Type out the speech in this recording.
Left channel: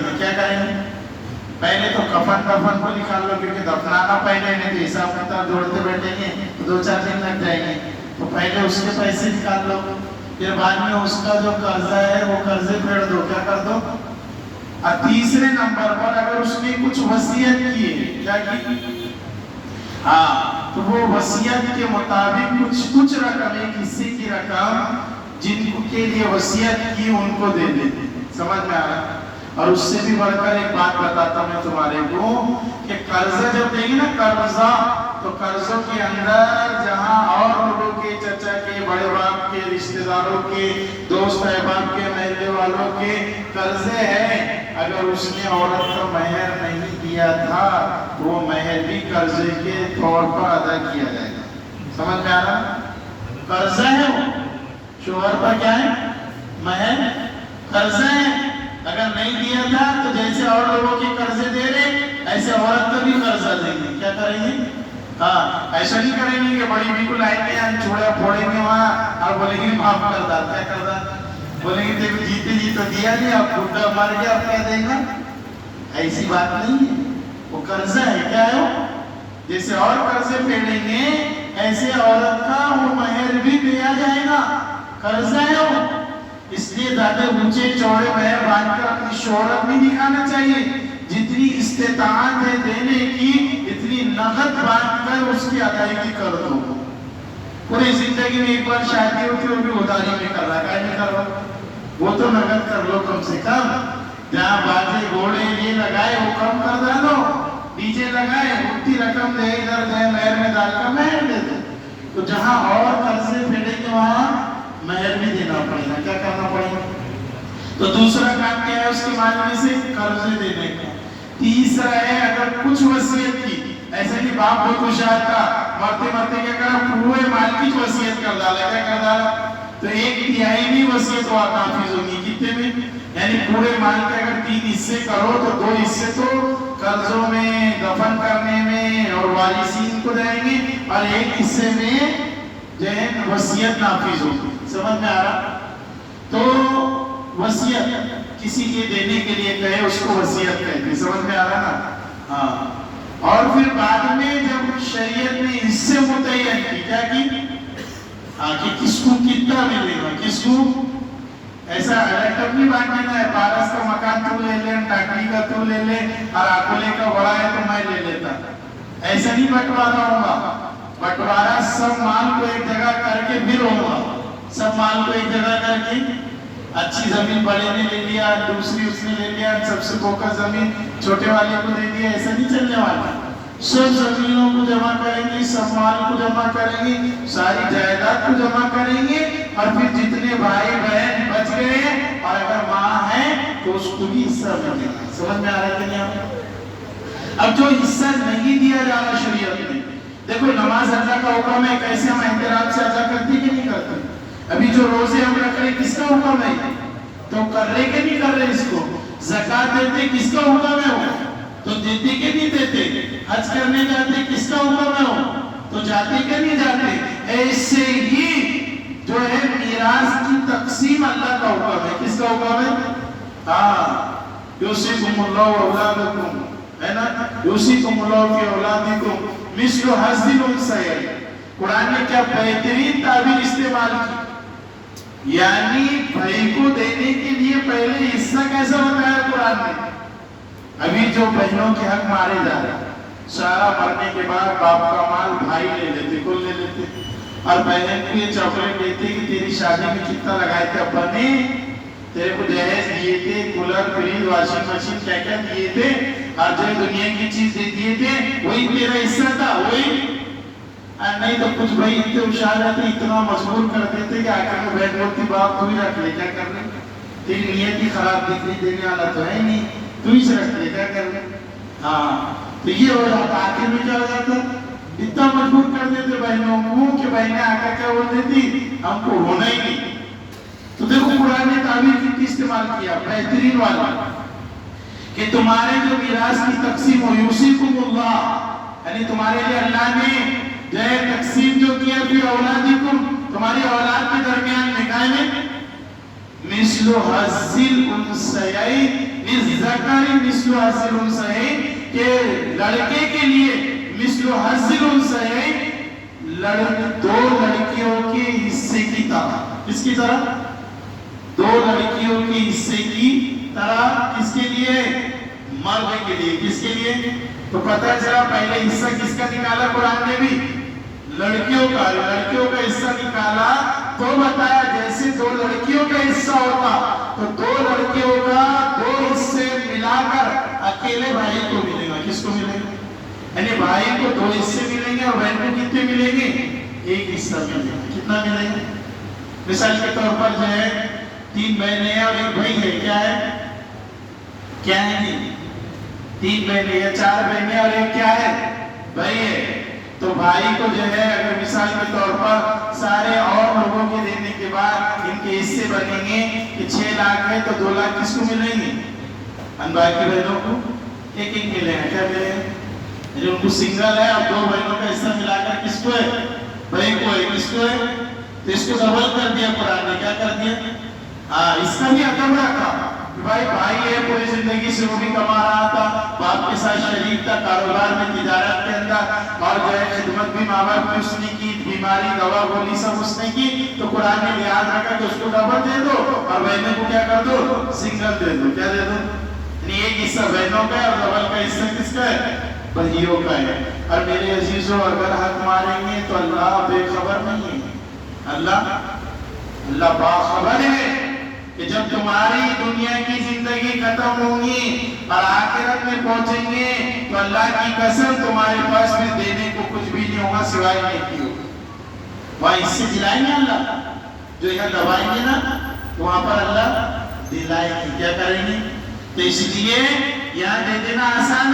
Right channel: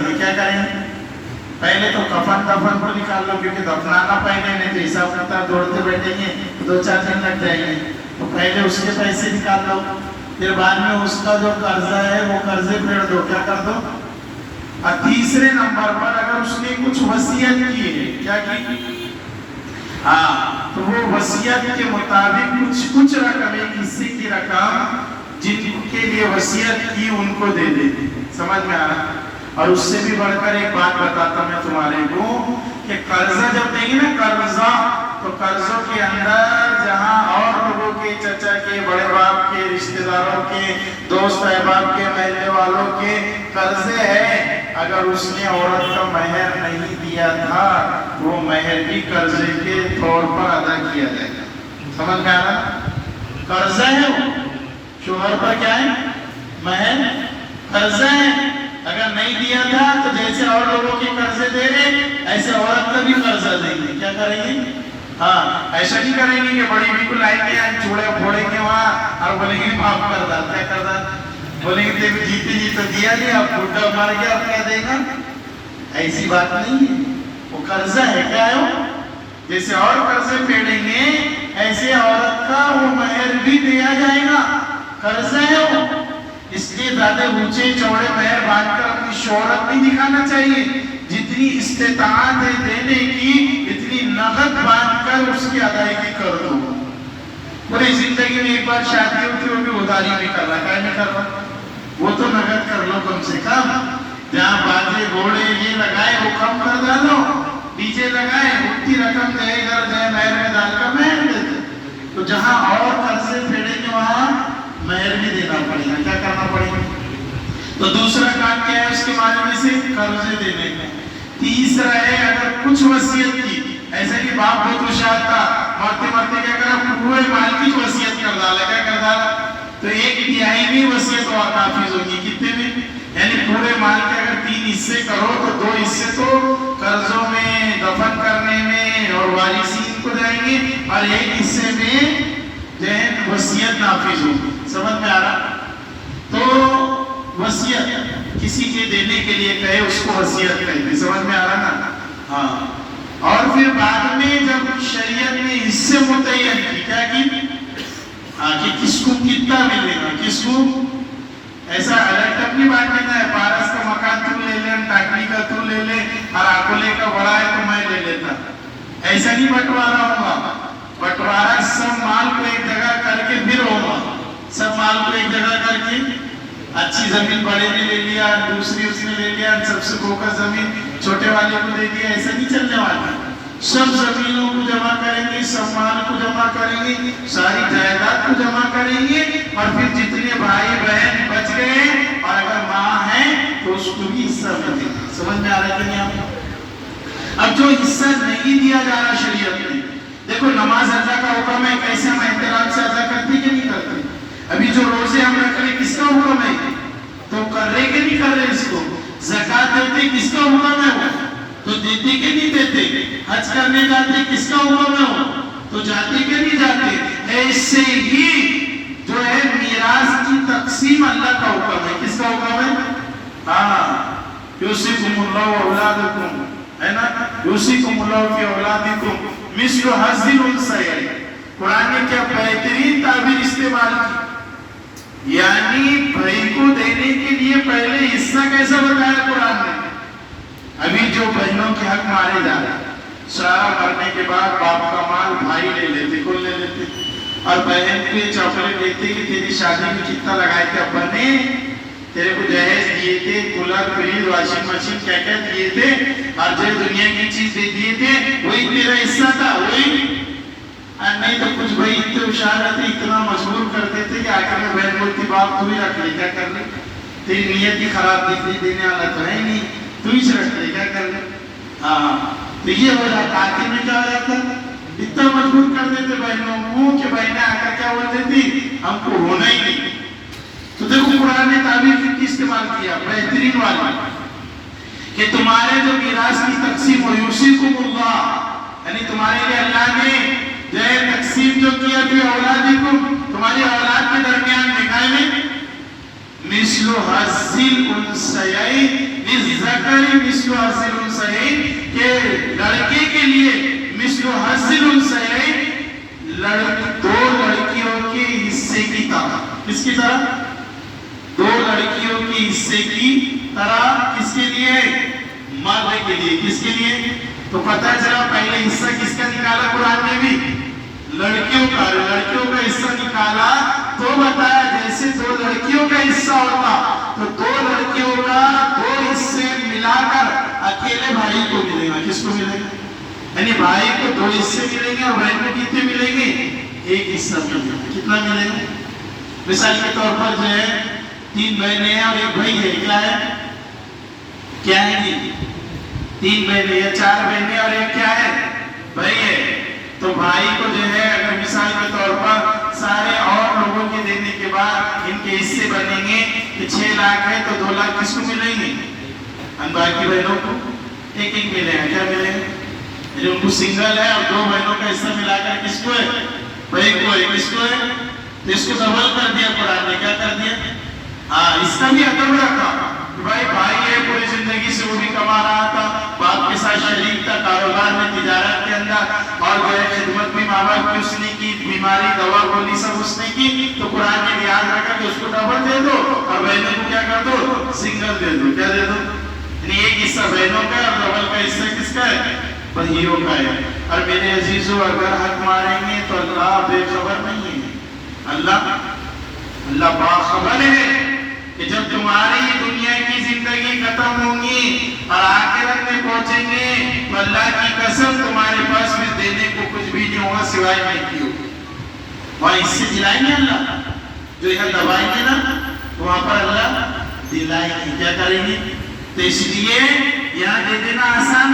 देंगे, क्या करेंगे? पहले तो कफन को निकाल लो, क्योंकि दफनाना पहले नहीं तो हिसाब किताब जोड़ते बैठेंगे तो 2-4 दिन लग जाएंगे, तो पहले उसके पैसे निकाल लो, फिर बाद में उसका जो कर्जा है वो कर्जे फेर दो, क्या कर दो। और तीसरे नंबर पर अगर उसने कुछ वसीयत की है, क्या की? हाँ, तो वो वसीयत के मुताबिक कुछ रकम, एक हिस्से की रकम जिनके लिए वसीयत की उनको दे दे। समझ में आ रहा? और उससे भी बढ़कर एक बात बताता मैं तुम्हारे को कि कर्जा जब देंगे ना, कर्जा, तो कर्जों के अंदर जहां और लोगों के, चचा के, बड़े बाप के, रिश्तेदारों के, दोस्त अहबाब के, महल्ले वालों के कर्जे हैं, अगर उसने औरत का महर नहीं दिया था, वो महर भी कर्जे के तौर पर अदा किया जाएगा। समझ में आ रहा? कर्जा है वो, शोहर पर क्या है? महर, कर्जा है। अगर नहीं दिया था तो जैसे और लोगों के कर्जे दे रहे, ऐसे औरत का भी कर्जा देंगे। क्या करेंगे? हाँ, ऐसा नहीं करेंगे कि बड़ी भी को लाएंगे, चूड़ा फोड़ेंगे वहाँ और बोलेंगे माफ कर दा। क्या कर दा? बोलेंगे देखो जीते जी तो दिया नहीं, अब बुढ़ा मर गया, अब क्या देगा? ऐसी बात नहीं है, वो कर्जा है। क्या है वो? जैसे और कर्जे फेडेंगे, ऐसे औरत का वो महर भी दिया जाएगा, कर्जा है वो। इसलिए ज्यादा ऊंचे चौड़े महर बांधकर अपनी शोहरत नहीं दिखाना चाहिए। जितनी इस्तेताअत है देने की, इतनी नगद बांधकर उसकी अदायगी कर दो। पूरी जिंदगी में एक बार शादी होती है, वो भी उधारी नहीं कर रहा, क्या नहीं कर रहा? वो तो नगद कर लो कम से कम। जहाँ बाजे घोड़े ये लगाए वो कम कर डालो, डीजे लगाए उतनी रकम दे, इधर जाए महर में डालकर महर दे दो। तो जहाँ और कर्जे फेडेंगे वहां महर भी देना पड़ेगा। क्या करना पड़ेगा? तो दूसरा काम क्या है उसके माध्यम से? कर्जे देने का। तीसरा है अगर कुछ वसीयत की, ऐसा कि बाप बहुत होशियार था, मरते मरते क्या करा, पूरे माल की वसीयत कर डाला। क्या कर डाला? तो 1/3 भी वसीयत और नाफिज होगी। कितने में? यानी पूरे माल के अगर 3 हिस्से करो तो 2 हिस्से तो कर्जों में, दफन करने में और वारिसीन को जाएंगे, और 1 हिस्से में जो है वसीयत नाफिज होगी। समझ में आ रहा? तो वसीयत किसी के देने के लिए कहे उसको वसीयत कहते। समझ में आ रहा ना? हाँ। और फिर बाद में जब शरीयत ने हिस्से मुतय्यन की, क्या की? कि किसको कितना मिलेगा, किसको ऐसा अलग नहीं बांटना है। पारस का मकान तू ले ले, टाकली का तू ले ले, और आकोले का बड़ा है तो मैं ले लेता, ऐसा नहीं बंटवारा होगा। बंटवारा सब माल को एक जगह करके फिर होगा। सब माल को एक जगह करके, अच्छी जमीन बड़े ने ले लिया, दूसरी उसने ले लिया, सबसे फोकस जमीन छोटे वाले को दे दिया, ऐसा नहीं चलने वाला। सब जमीनों को जमा करेंगे, सब माल को जमा करेंगे, सारी जायदाद को जमा करेंगे, और फिर जितने भाई बहन बच गए और अगर माँ है तो उसको भी हिस्सा मिलेगा। समझ में आ रहा है कि नहीं आपको? अब जो हिस्सा नहीं दिया जा रहा शरीयत में, देखो नमाज अदा का हुक्म है, कैसे हम एहतिराम से अदा करते कि नहीं करते? अभी जो रोजे हम रख रहे किसका हुक्म है? तो कर रहे कि नहीं कर रहे इसको? ज़कात देते किसका हुक्म है? वो तो देते कि नहीं देते? हज करने जाते किसका हुक्म है? वो तो जाते कि नहीं जाते? ऐसे ही जो है मीरास की तकसीम अल्लाह का हुक्म है। किसका हुक्म है? हाँ, यूसिकुमुल्लाहु औलादकुम, है ना? यूसिकुमुल्लाहु फी औलादिकुम मिस्लु हज़्ज़िल उन्सयैन। कुरान ने क्या बेहतरीन ताबीर इस्तेमाल की, यानी भाई को देने के लिए पहले हिस्सा कैसा बताया कुरान ने? अभी जो बहनों के हक मारे जा रहे हैं, सारा मरने के बाद बाप का माल भाई ले लेते, कुल ले लेते, और बहन को ये चॉकलेट देते कि तेरी शादी में कितना लगाए थे अब्बा ने, तेरे को दहेज दिए थे, कूलर, फ्रिज, वॉशिंग मशीन, क्या क्या दिए थे, और जो दुनिया की चीज दे दिए थे वही तेरा हिस्सा था, वही। नहीं तो कुछ भाई इतने होशियार रहते, इतना मजबूर कर देते कि आखिर में बहन बोलती बाप तू ही रख ले, क्या कर ले, तेरी नियत ही खराब दिख रही, देने वाला तो है नहीं, तू ही रख ले, क्या कर ले। हाँ, तो ये हो जाता, आखिर में क्या हो जाता, इतना मजबूर कर देते बहनों को कि बहनें आकर क्या बोल देती, हमको होना ही नहीं। तो देखो कुरान ने ताबीर की इस्तेमाल किया बेहतरीन वाला कि तुम्हारे जो मिरास की तकसीम हो, यूसिकुमुल्लाह, यानी तुम्हारे लिए अल्लाह ने जो है तकसीम जो किया फिर औलादिकुम, तुम्हारी औलाद के दरमियान निकाय में मिस्लु हज़्ज़िल उन्सयैन, للذکر مثل حظ الانثیین کہ لڑکے کے لیے مثل حظ الانثیین دو لڑکیوں کے حصے کی طرح. کس کی طرح؟ دو لڑکیوں کے حصے کی طرح. کس کے لیے؟ مرد کے لیے. کس کے لیے؟ تو پتہ چلا پہلے حصہ کس کا نکالا قرآن نے بھی؟ لڑکیوں کا. لڑکیوں کا حصہ نکالا تو بتایا جیسے دو لڑکیوں کا حصہ ہوتا تو دو لڑکیوں کا دو حصے ملا کر اکیلے بھائی کو ملے گا. کس کو ملے گا؟ یعنی بھائی کو دو حصے ملیں گے اور بہن کو کتنے ملیں گے؟ ایک حصہ ملے گا. کتنا ملے گا؟ مثال کے طور پر جو ہے 3 بہنیں ہیں اور ایک بھائی ہے. کیا ہے؟ کیا ہے جی؟ 3 بہنیں ہیں 4 بہنیں اور ایک کیا ہے؟ بھائی ہے. تو بھائی کو جو ہے اگر مثال کے طور پر سارے اور لوگوں کے دینے کے بعد ان کے حصے بنیں گے کہ 6 لاکھ ہے تو 2 لاکھ کس کو ملیں گے؟ ان باقی بہنوں کو ایک ایک ملے گا. کیا ملے گا؟ جو ان کو سنگل ہے اور 2 بہنوں کا حصہ ملا کر کس کو ہے؟ بھائی کو ہے. کس کو ہے؟ تو اس کو ڈبل کر دیا قرآن نے. کیا کر دیا؟ اس کا بھی ادب رکھا کہ بھائی ہے پوری زندگی سے وہ بھی کما رہا تھا, باپ کے ساتھ شریک تھا, کاروبار میں تجارت کے اندر, اور جو ہے خدمت بھی ماں باپ کی اس نے کی, بیماری دوا گولی سب اس نے کی. تو قرآن نے یاد رکھا کہ اس کو ڈبل دے دو اور بہنوں کو کیا کر دو؟ سنگل دے دو. کیا دے دو؟ یعنی ایک حصہ بہنوں کا اور ڈبل کا حصہ کس کا ہے؟ بھائیوں کا ہے. اور میرے عزیزوں اگر حق ماریں گے تو اللہ بے خبر نہیں ہے. اللہ باخبر ہے کہ جب تمہاری دنیا کی زندگی ختم ہوگی اور آخرت میں پہنچیں گے تو اللہ کی قسم تمہارے پاس میں دینے کو کچھ بھی نہیں ہوگا سوائے نیکی ہوگی. وہاں اس سے دلائیں گے اللہ, جو یہاں دبائیں گے نا تو وہاں پر اللہ دلائیں گے. کیا کریں گے؟ تو اس لیے یہاں دے دینا آسان